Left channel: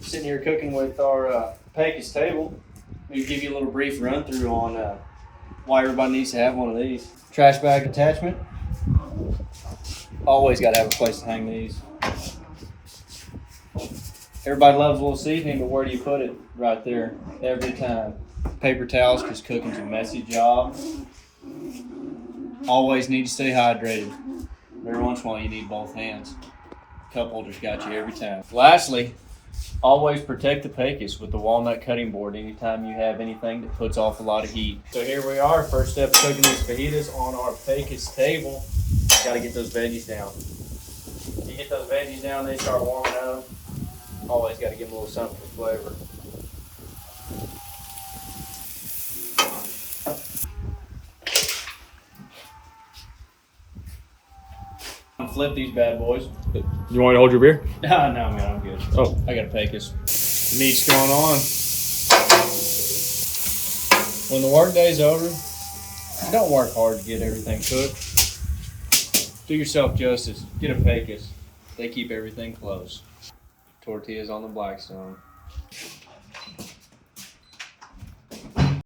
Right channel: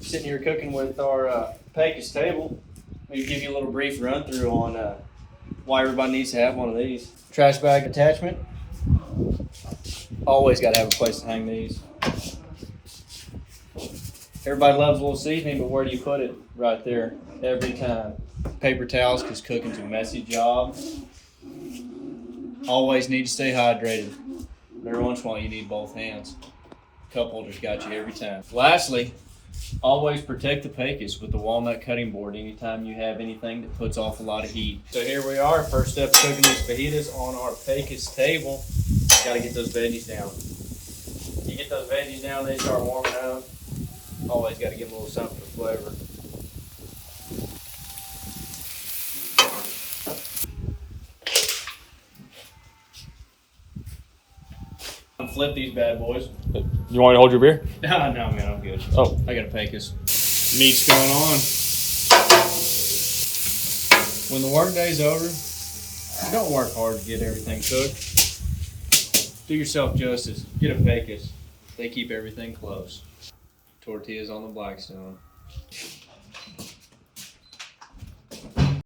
Sitting here cooking with our Pecos table. We give you a little brief run through on why everybody needs to have one of these. Trash bag attachment. Always got to have a place to hang these. Everybody loves a little seasoning, but where do you put it? Right there, every time. Paper towels, because cooking's a messy job. Always need to stay hydrated. Every once in a while you need both hands. Cup holder's got you every time. Lastly, always protect the Pecos with the walnut cutting board anytime you have anything that puts off a lot of heat. So here we are, first step cooking these fajitas on our Pecos table. Got to get those veggies down. You get those veggies down, they start warming up. Always got to give them a little something for flavor. Flip these bad boys. You want me to hold your beer? No, man, I'm good. Oh, I got a Pecos. Meat's going on. When the work day's over, don't work hard to get everything cooked. Do yourself justice. Get a Pecos. They keep everything close. Tortillas on the Blackstone.